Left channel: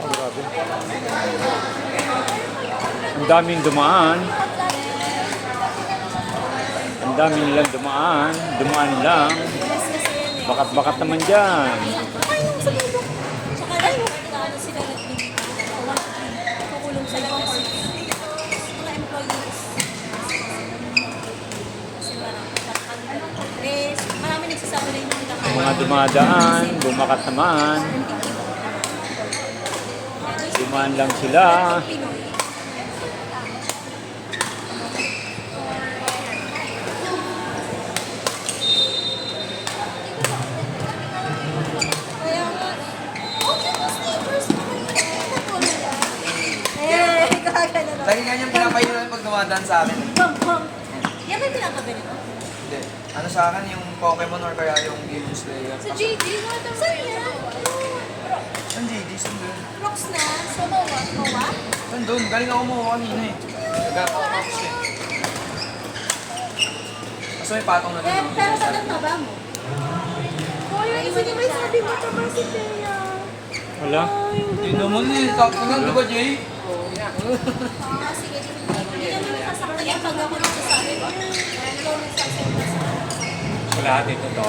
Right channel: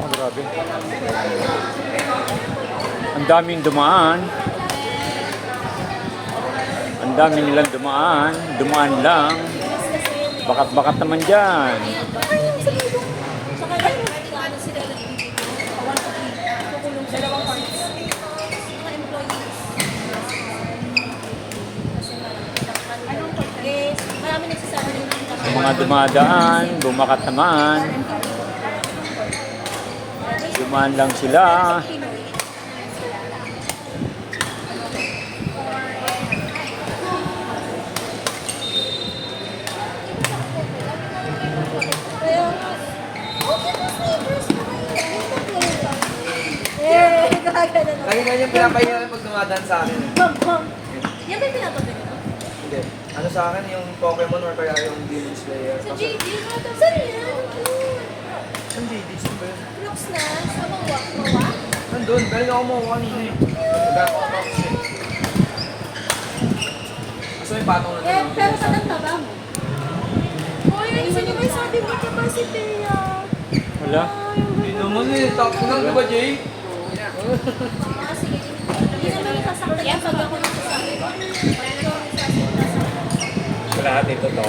Oh, grabe. Ang daming dumaan. Ang dami nilang dumaan. Dumaan lang. Bakat-bakat naman dyan. Mga dumadaan, bumakat naman. Dumaan lang sila. Lagi na yung pinapahinga pag dumadaan sa akin. Yan ba yung pinapaganito? Hindi. Ano sa akin yung Pokemon or kaya yung Game Slayer. Sa JD, saan yan? Saan JD? Saan ba yun? Rocks na, sa Mawa. Mawa? Saan doon? Galing ako mo kanina eh. Nagagawa ko siya. Gusto may patong na Eh, pero saan ang taba mo? Oh, yun, sino ba yung sabi mo pa kasi Teya? Wala. Hindi naman eh. Tapos lang, di ba Jay? Ah, sige. Hindi naman sasaktan yan pag ako nagsasabi. Sa lahat ito to.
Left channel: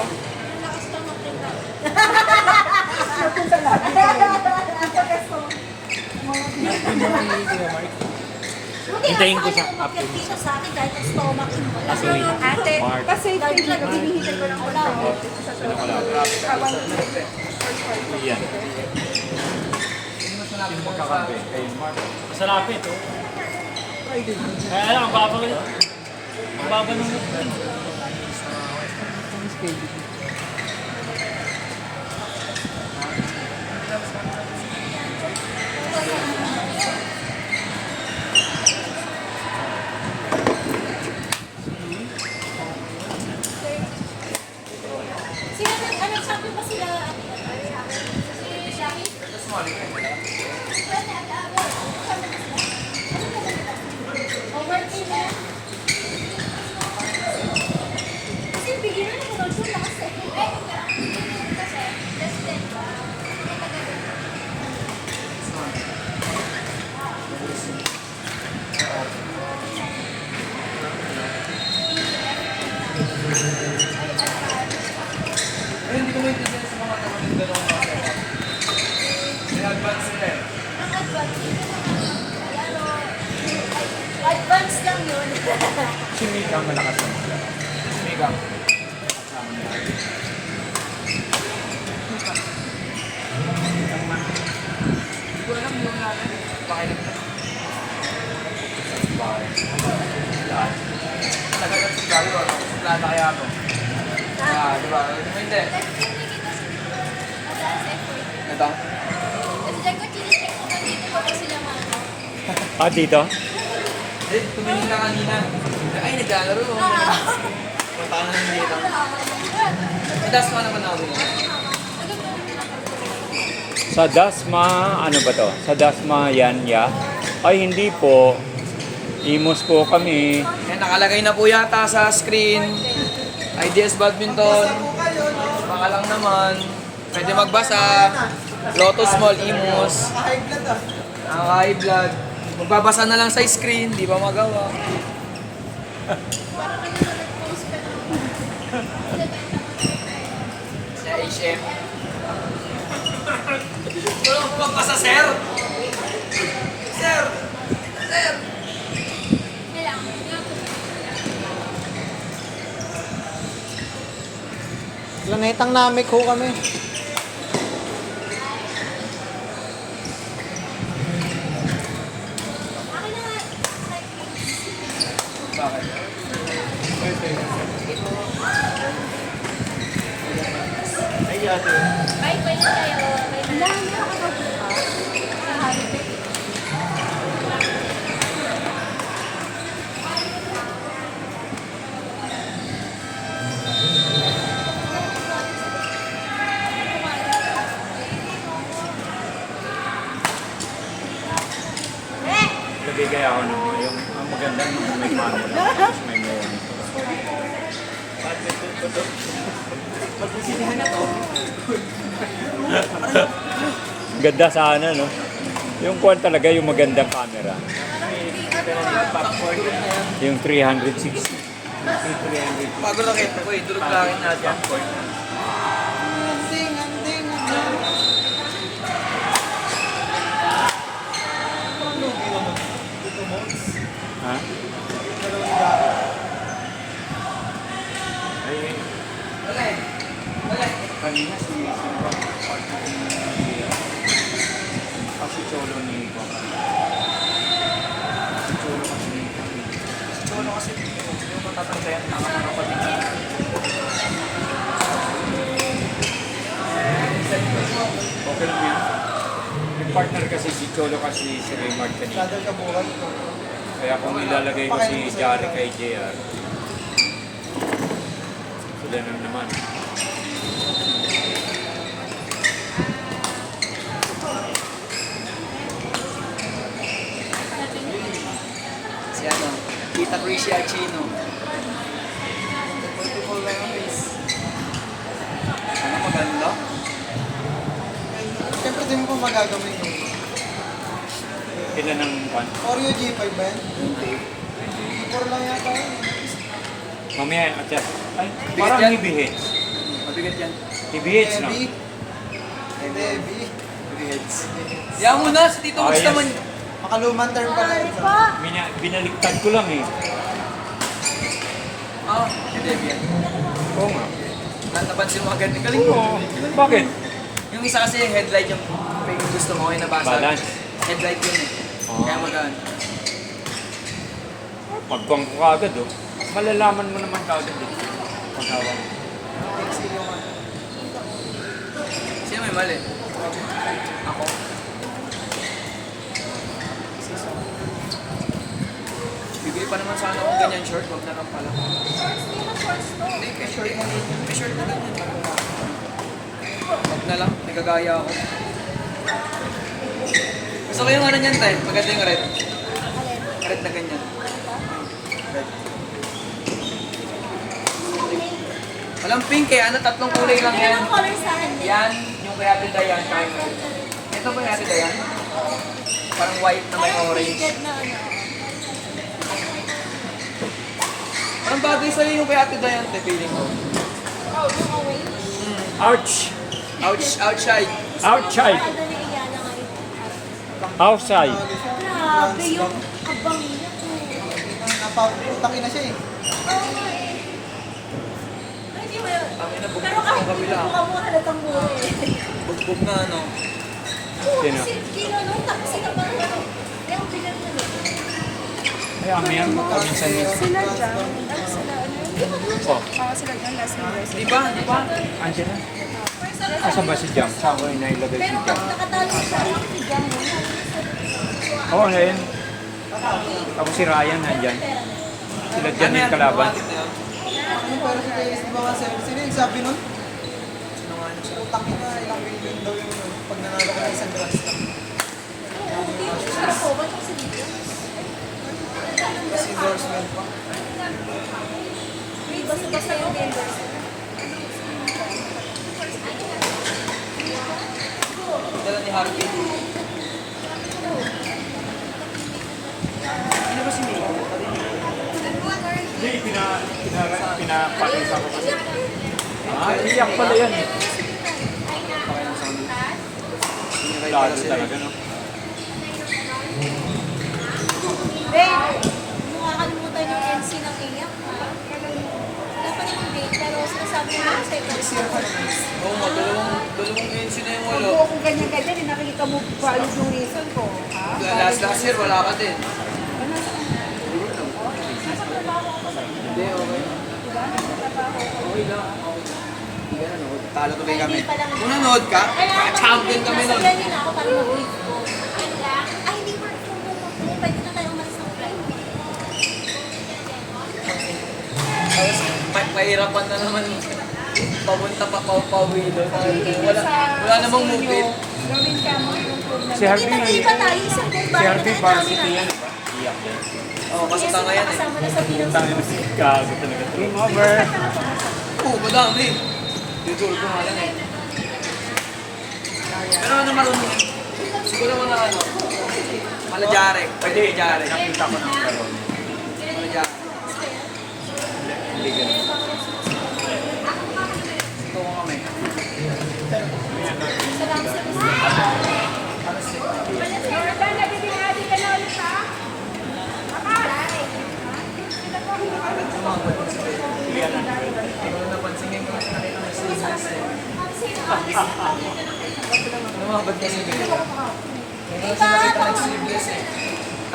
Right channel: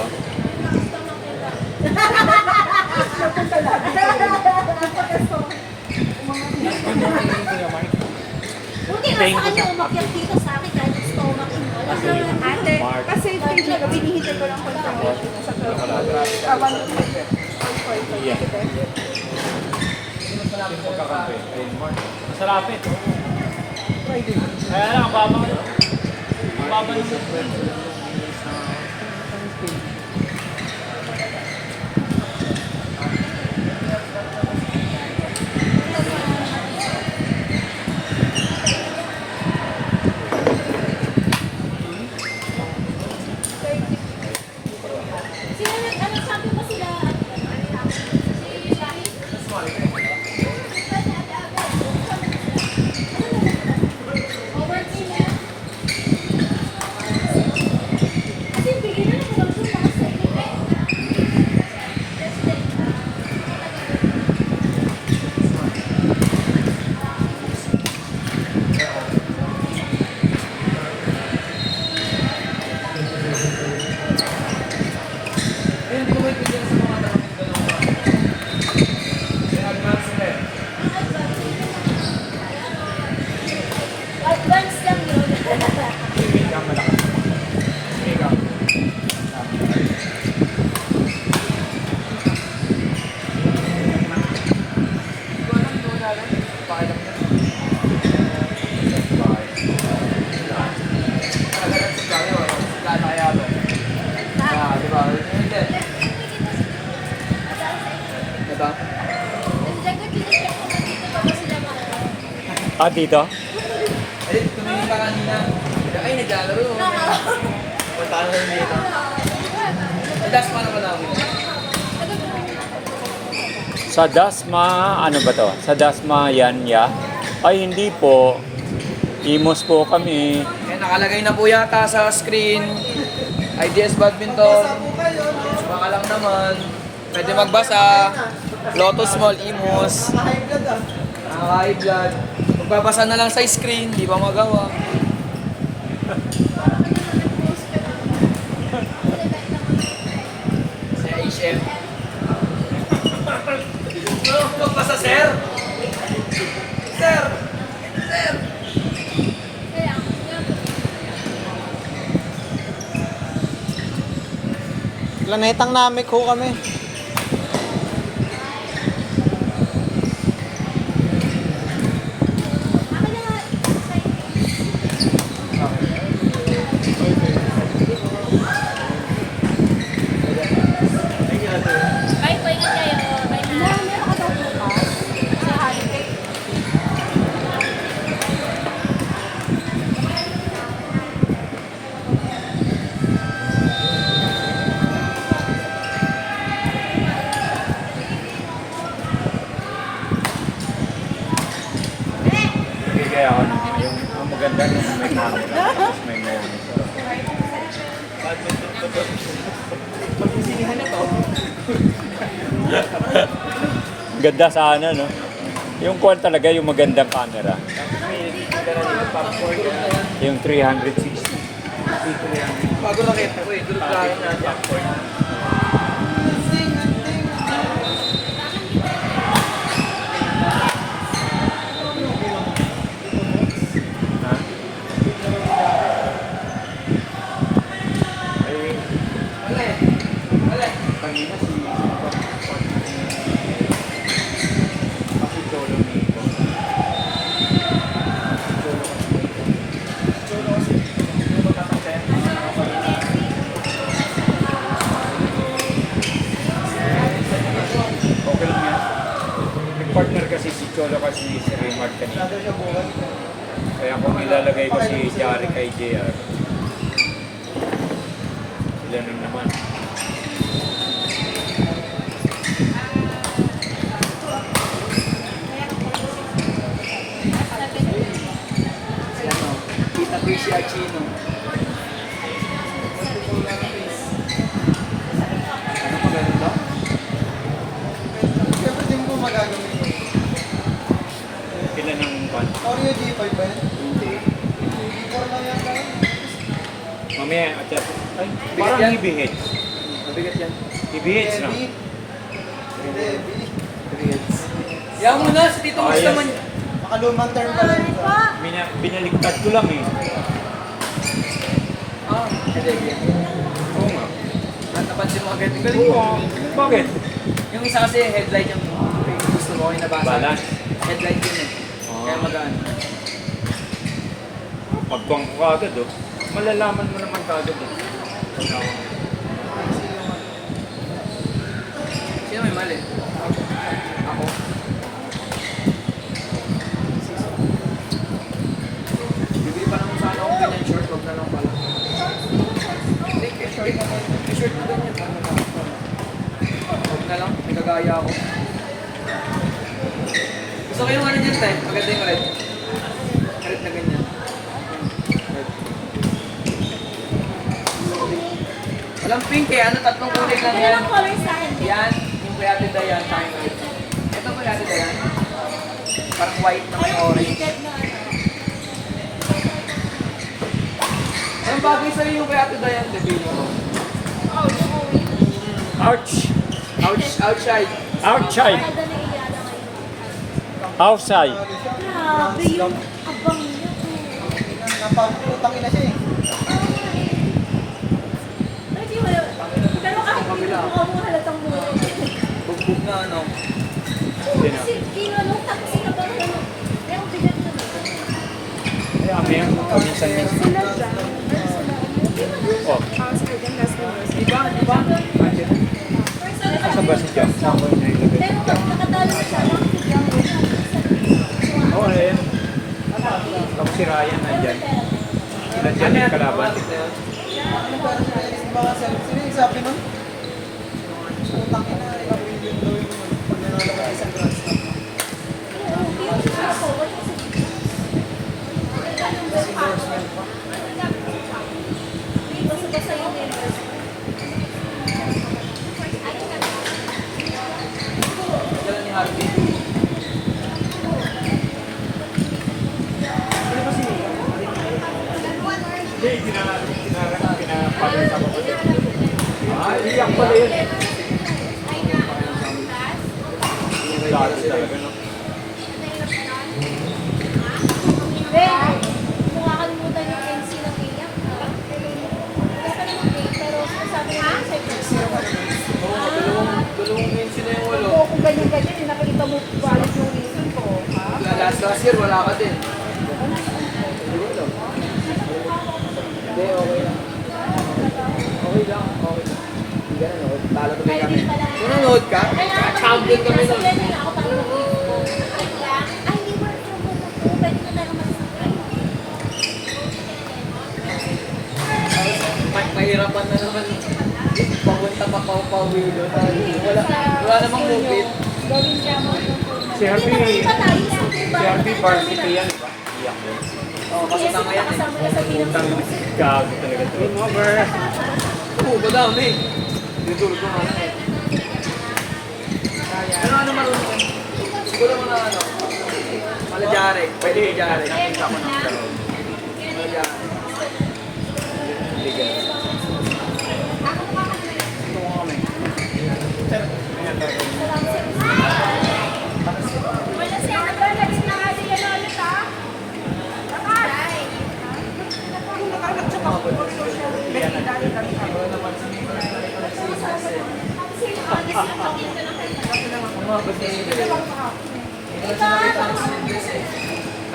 Buti nga sa kanya umakyat dito sa akin kahit ang stomach involved. Ate, Kasi binihintay ko lang confirmation sa abang Yan. Masarap ito. Kaya lang, babang sino ano sabi pa sila? Kasi beginner na daw siya kasi. Ayun, hindi ko maintindihan sa mga tanong yung gano'n. In-advance sila eh. Advance lang yun. Hindi ka malakas. Hindi ka. Ah, dito? Eh, tumingin ka kanina. Ay, naglalaro. Punta na rin dito. Eh, das pa naman namin. Sa Dasma, ano ba to? Sa Dasma Yanya? Ay, hindi po. Imos po kami. Kaya nakalagay na po yata sa screen. IDS Badminton. Mga lang naman. Pwede magbasa. Lotus Mall, Imus. Nakaka-high blood. Magbabasa na lang sa screen, di ba magawa? Sa HM. Magbasa, sir! Sir! Sir! Planetang Namek ho kami. Bye, bye na kayo. Bye na. meron ka daw bukas sa holiday. Nagigay ako ng yung ang maganda nung may camera tapos may monitor. Pag-usinihan na to. Ganda sana, no? Yung kuwan talaga, yung magandang camera. Yung 360. Bago nakita ko eh, duluglahin natin. Ha? Okay lang yan. Yung partner kasi si Cholo kasi si Raymond kanina. Kaya kung nilalagay ko si Jari kay JR, sila nang naman. Si ano, Kita Rishi Archino. Ganda. Siyempre, di mo pa magagamit yun. Ilan ang kwan? Oreo G5 ba yan? Hindi. Puro lang yata yun. Mamaya, akyat. Ay, Bigat parang yan. IBH. Mabigat yan. IBH na. Heavy. Heavy. Grades. Yan mo na, si Tito Max yes. naman. Makaluman term pa lang. Binaliktad ko lang eh. Ah, hindi yan. Oo nga. Napansin mo agad, ang galing mo. Oo. Bakit? Yung isa kasi headlight yung gusto mo, yung nabasa. Balance. Headlight yun eh. Oo. Kaya magaan. Pagkuang ko agad oh. Malalaman mo naman kagad eh. Sino may mali? Ako. Bibili pa naman sana akong ganyan short, wag na lang pala. Hindi, kay short. May short na ganyan. Wag na lang, may kagaya ako. Gusto ko yung ano niyan, tayo. Maganda yung red. Red na ganyan. Walang pink eh, ano, tatlong kulay lang yun. Ilang colors sa akin? Yan, yung kay Ate Dayan, tayo. Ito po yung Ate Dayan. Parang white na may orange. Dead na. Ang bagay sa'yo yung kay Ate Dayan, the feeling ko. Ouch! Outside. Outside! Parang doon yung Iyana ngayon. Outside! Grabe yung kabang. Napaputang ina siya eh. Hindi mo yun. Pero kahit hindi mo ka mo halatang buhay. Bugbog na ano. Oo, kasi kinanong tapos sila pa rin. Kaya ako bilang na. Kaya mayan mo kaminsan yun. Oh, Di ba? Di ba? saan ba si Jack? Saan ba na ilagay si Pero Jack? pag nakatalo siya, bigyan mo siya. Oo, ngayon. Ako si Ryan nandyan. Nandyan yung kalaban. Ano parang nainis di ba kasi sino yung sabi nun? Putang ina sa yung daw yung pag nangalala isang glass. Kasi endorsement pa. Basta yung members. Dala ni Harvey. Ano ba si Mia? Hindi, pinapalitan ko. Iyak pala yan. Lalo talaga, no? Ren, mo kakalimutan yung NC na iyak. Dapat yung pay, pero sabi mo yung second. Dalawang mention na yung walo. Kung ganyan-ganyan, yung nakikita mo valid yung reason ko. Last year, wala ka din. Hindi, okay. Okay lang. Hindi ka nanood. Talo tuloy kami. Kung nanood ka, champion kami nun. Nasa na ako tayo mag-leave. Ay, lang. Ay, di ba? Pwede na tayo umalis ng friend. Nahirapan na naman. Papunta pa pauwi doon. Wala namang movie. Gawin ka mo. Si Harvey, Hindi ba tayo sa si Harvey varsity yan. Iyak yan. Oo, kasi na yan eh. Kasama na sa Pinang Tang gago talaga. Dream over. Oo, madami. Dito ko na. Jarek. Pwede kay Jarek.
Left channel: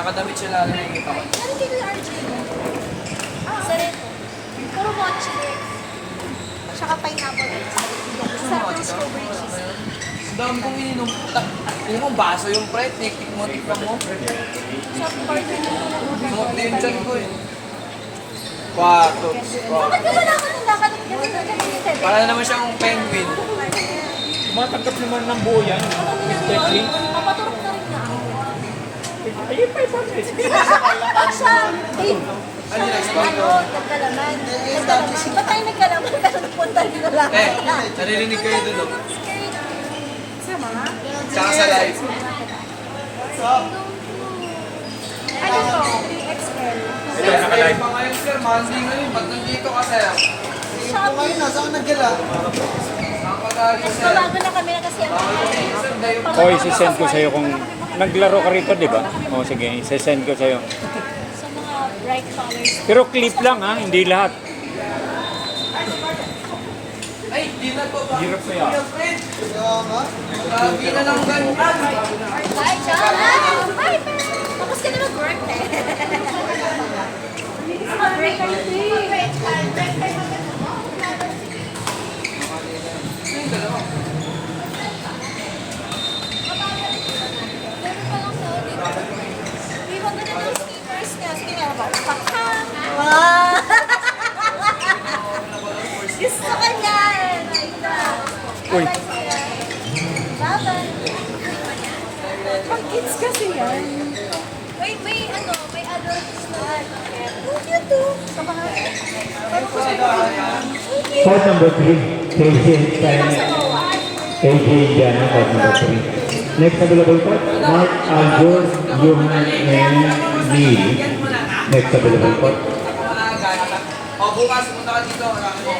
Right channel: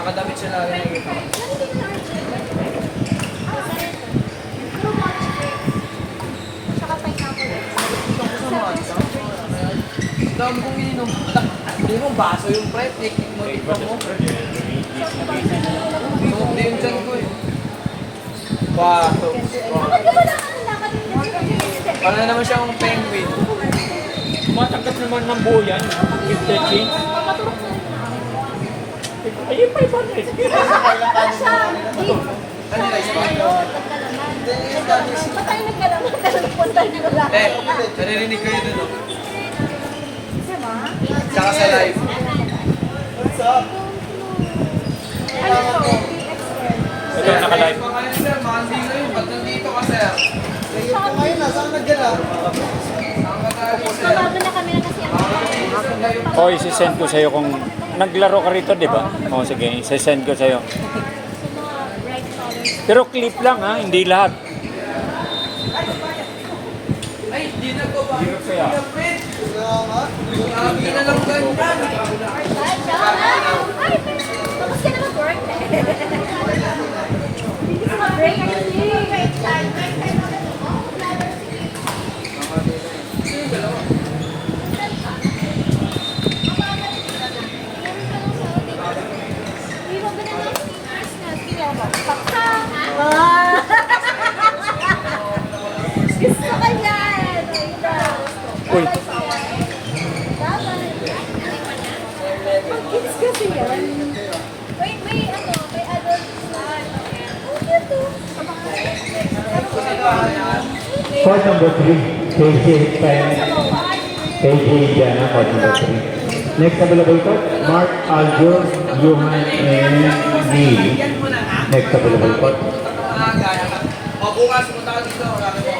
Nakadamit siya lalo ng iba. Tsaka pineapple. Ang dami kong ininom. Hindi mo, baso yung pride. Tiktik mo, tikman mo. Tingok din yung chan ko eh. Pato. Bakit wala ka nang lakad yung Para na naman siyang penguin. Tumatanggap naman ng buo yan. 50. Papaturok na ako. Ayun, 500. Asya! Ano yung rice bag? Ba't tayo nagkalaman na nagpunta nyo na lang? Naririnig kayo dun, no? Tsaka sa live. Ito, nakalive. Pa ngayon, sir. Monday ngayon. Ba't nandito ka, sir? Kung ngayon na, saan nagdala? Ang kakali, sir. Kalaban na kami na kasi ang O, isi-send ko sa'yo kung naglaro ka rito, di ba? O, sige, isi-send ko sa'yo. sa mga bright colors. Pero clip lang ha, hindi lahat. Ay, di na ko ba? Hirap kaya. Lagi na lang ganda. Ay, tapos ka na mag-work eh. Break break time. Break time. Gusto ka yan! Uy, Mag-kids kasi yan. May adult start. Okay, ito. Sa mga... Court number 3, Casey Hispanic, KJ Indiana, court number 3. Next available court, Mark Aljo, Johan, and Neil. Next available court. O, bukas, punta ka dito. Laki mo.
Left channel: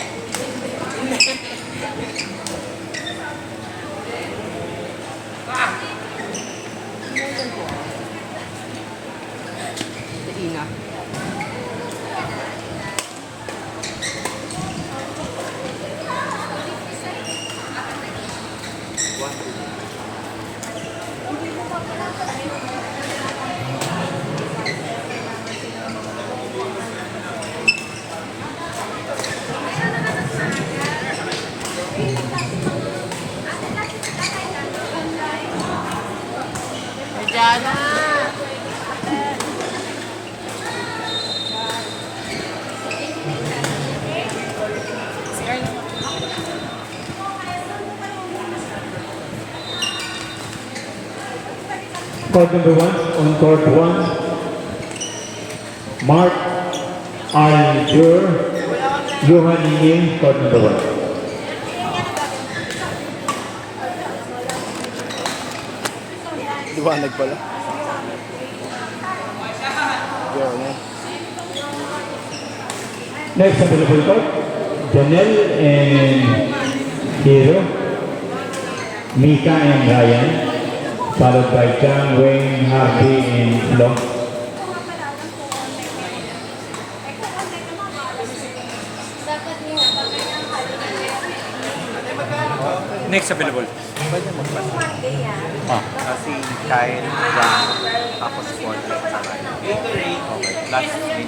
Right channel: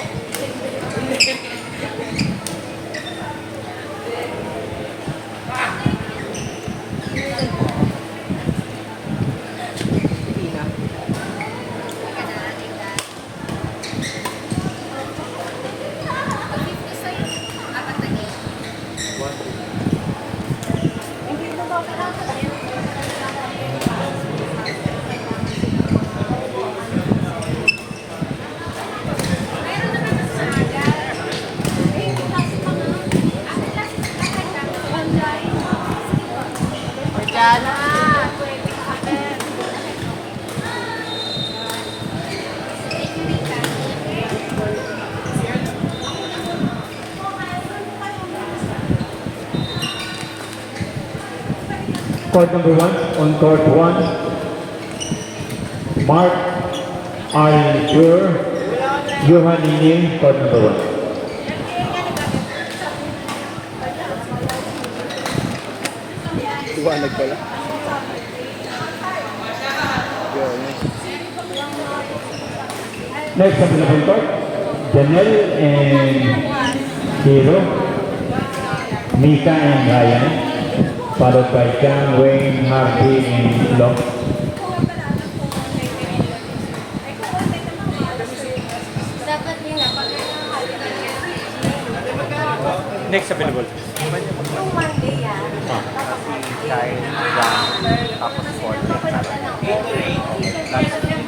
Court number 1, on court 1, Mark Aljo, Johan, and Neil, court number 1. liwanag pala. Next available court, Janelle and Hero, Mika and Ryan, followed by John, Wayne, Harvey, and Long. Next available. Kasi kain lang, tapos water. Last week.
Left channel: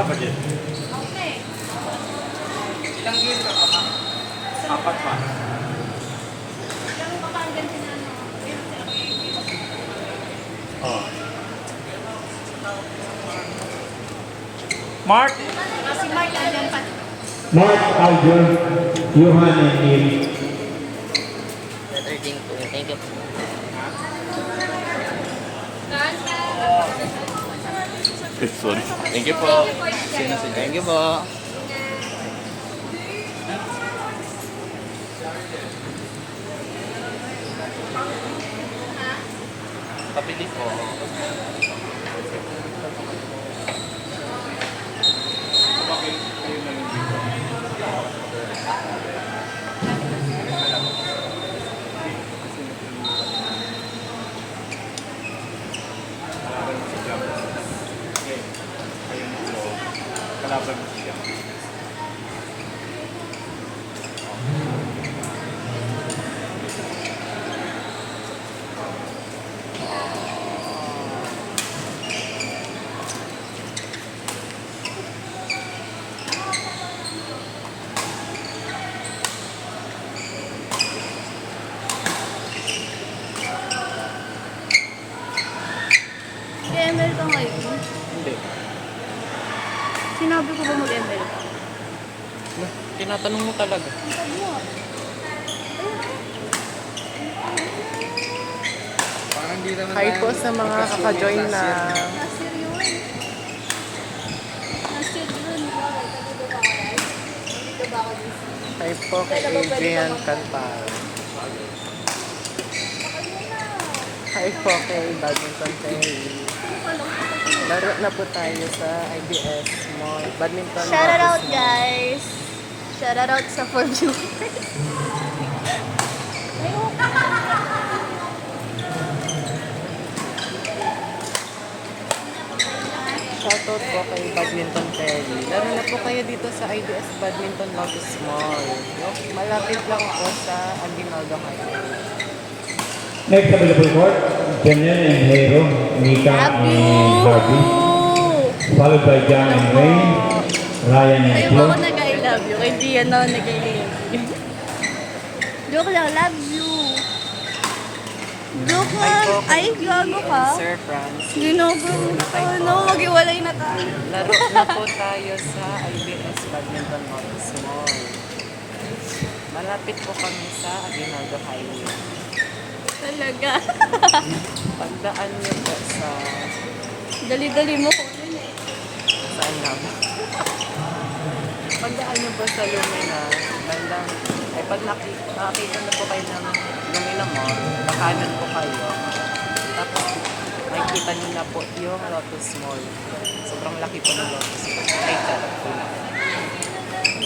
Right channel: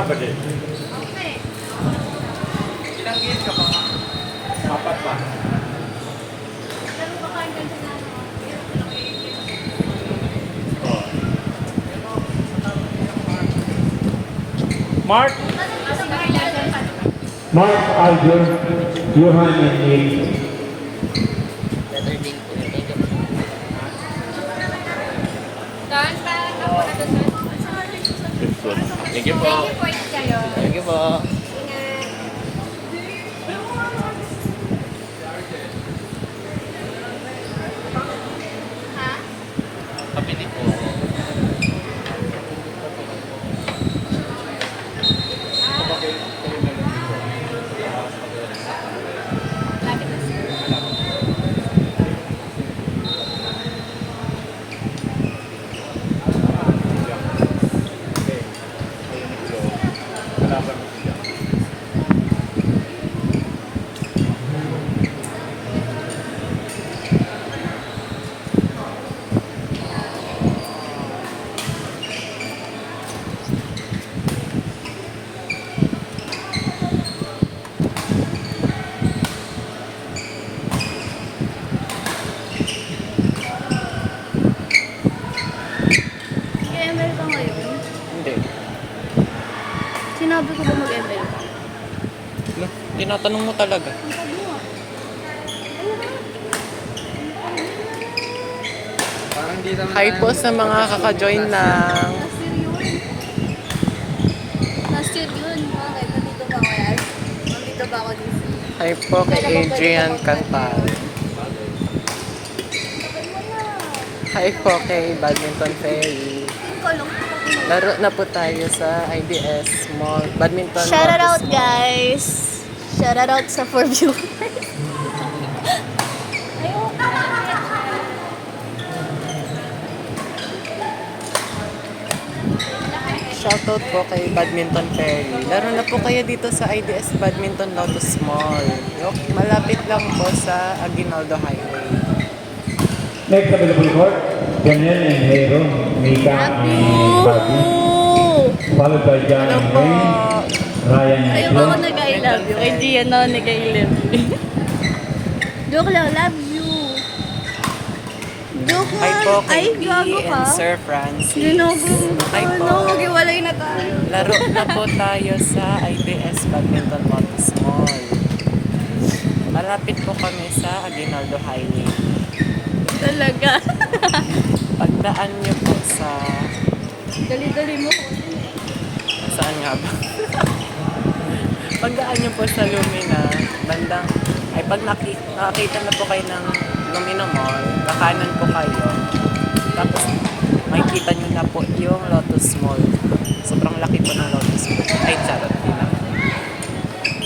kapatid? Ilang game ka pa, ma? Apat pa. Oh. Mark? Mark, Aljon, Johan, and Neil. Thank you po. Thank you po. Kapili po. Mag-ML ka ngayon? Hindi. Sinabi ko ba mag-ML ka? Tinatanong mo talaga. Ang sabi mo ah. Parang di naman Hi tayo- po sa mga kaka-join na. Last year yun. Last year yun. Okay, nandito ba ako yan? Nandito ba ako dito? Hi po kay Adrian Cantal. Hi po kay Badminton Ferry. Laro na po tayo sa IBS Mall. Badminton Shout out Lotus Mall. guys! Shout out sa 4 viewers. Shoutout po kay Badminton Ferry. Laro na po kayo dito sa IBS Badminton Lotus Mall. Malapit lang po sa Aguinaldo Highway. Next available court, Daniel and Hero, Mika and Bobby. Followed by John and Ray, Ryan and Ayaw ba ako Flo. nag-I love you? Kay Gian ako nag-I love you. Joke lang, love you. Joke Hi lang. po Ay, kay P gago ka. and Sir Franz. Ginago. Ano, mag-iwalay na tayo. Laro na po tayo sa IBS Badminton Lotus Mall. Malapit po kami sa Aguinaldo Highway. Talaga. Pagdaan niyo po sa... Dali-dali mo. Saan nga ba? Pagdaan niyo po sa Lumina, bandang... Ay, pag nakita na po kayo ng Lumina Mall, kakanan po kayo. Tapos, makikita niyo na po yung Lotus Mall. Sobrang laki po ng Lotus Mall. Ay, sarap.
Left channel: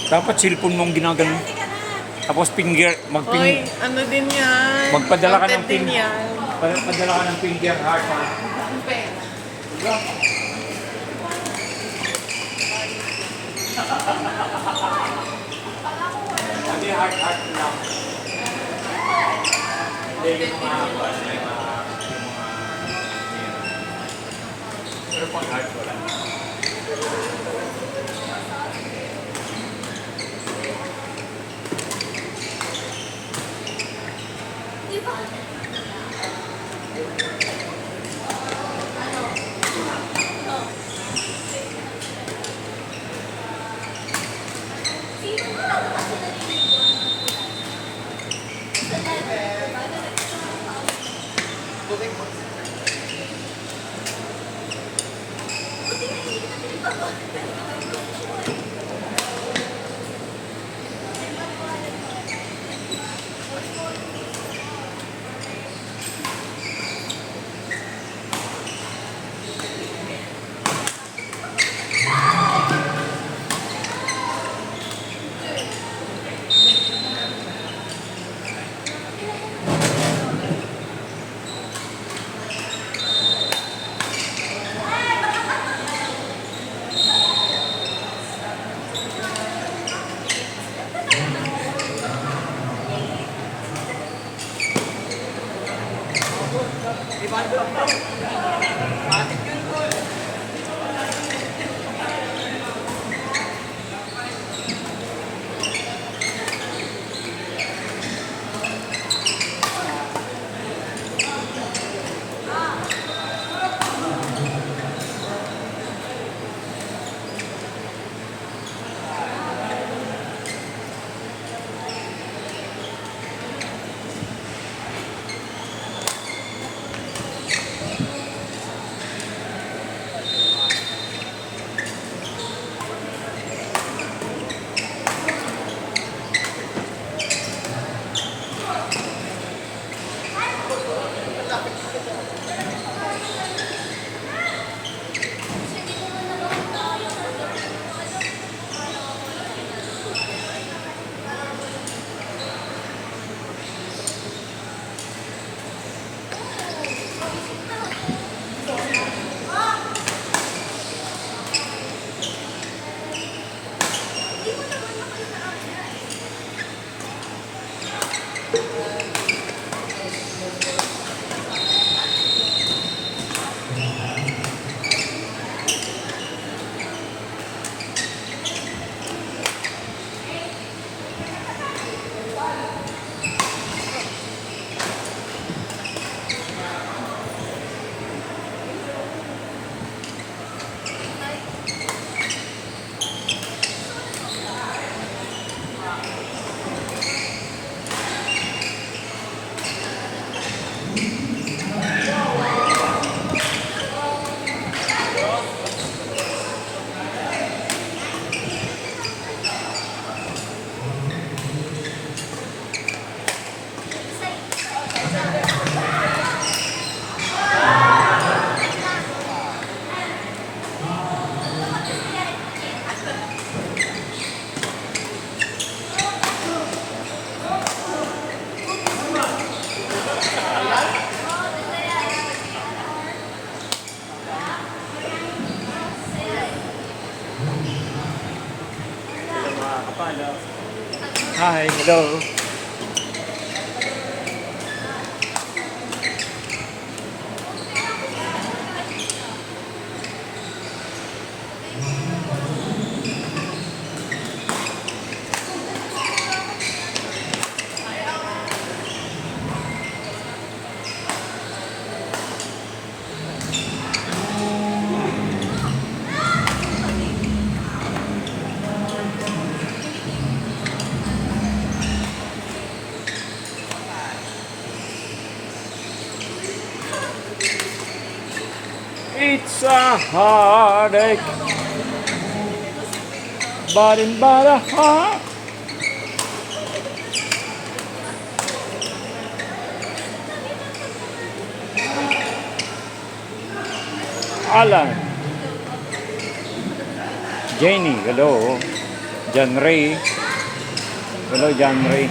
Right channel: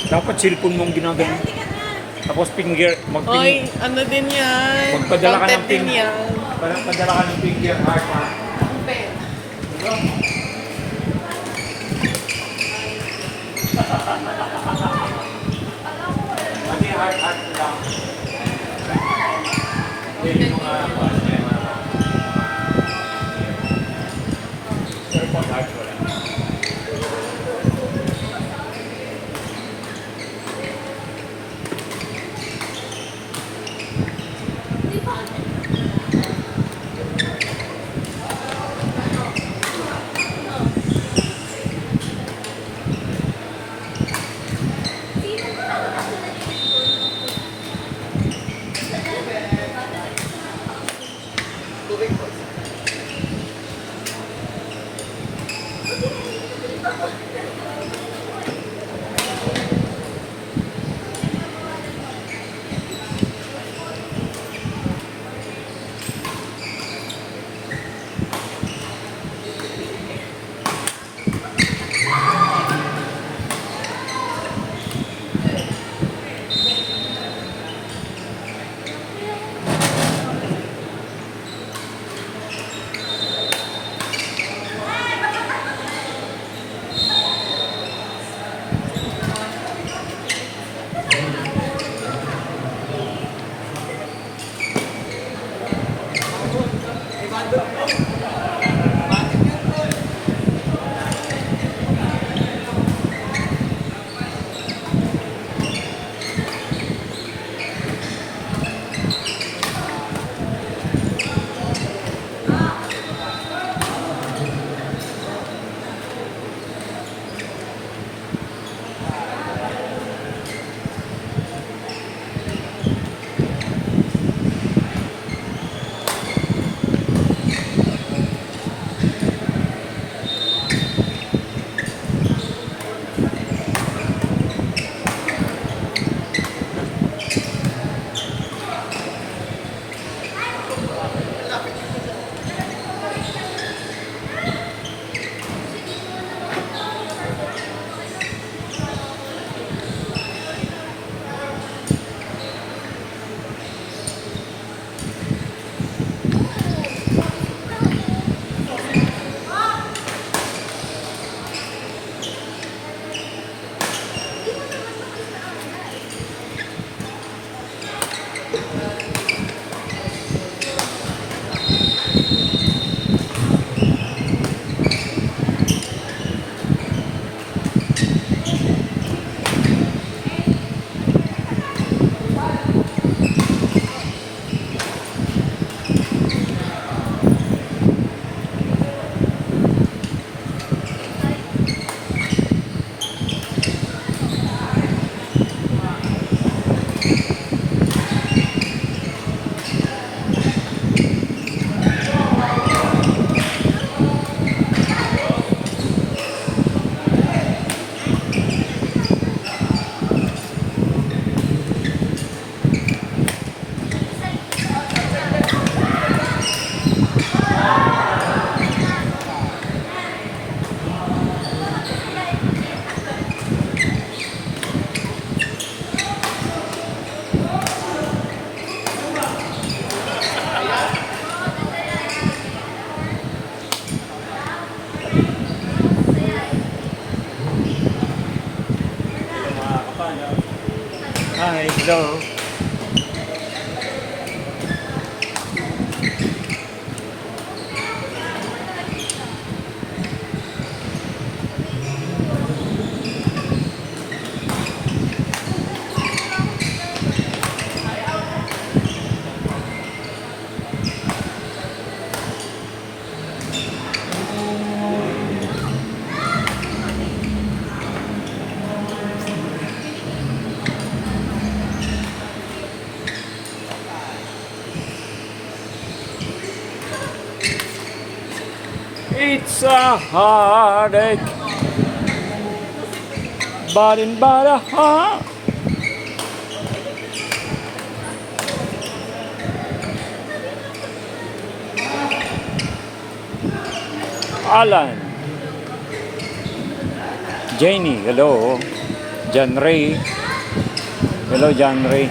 Dapat cellphone mong ginagano. Tapos finger, Oy, ano din yan? magpadala ka ng Content din pin. yan. Padala ka ng finger heart ha. Hindi heart lang. Hindi yung pero pag heart wala. Hi, hello. It's a heartache, but in a heart. Alan, Jenny, hello. John Ray, hello John Ray.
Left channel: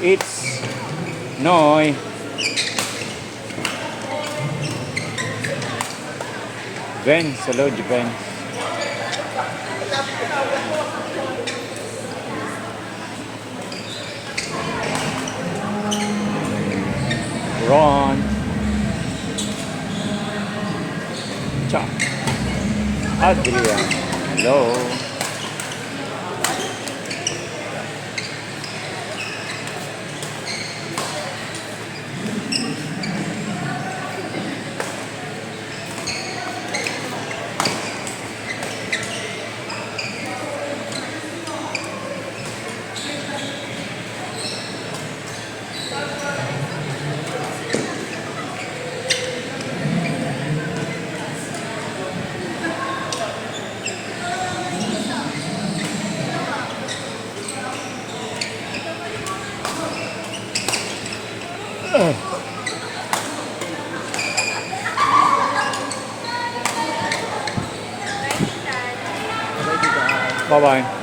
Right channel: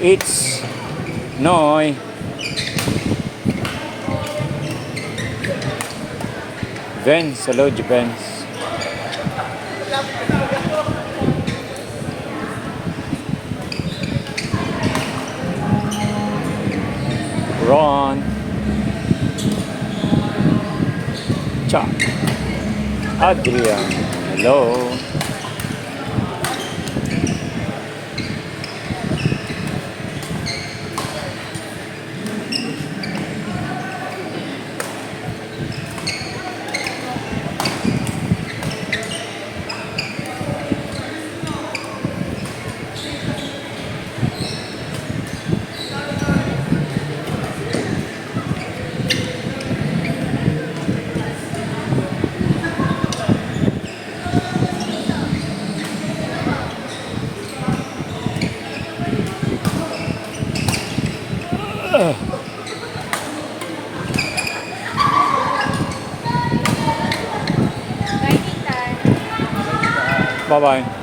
It's Noy. Vince, hello Vince. Ron. Chuck. Adrian, hello. Bye-bye.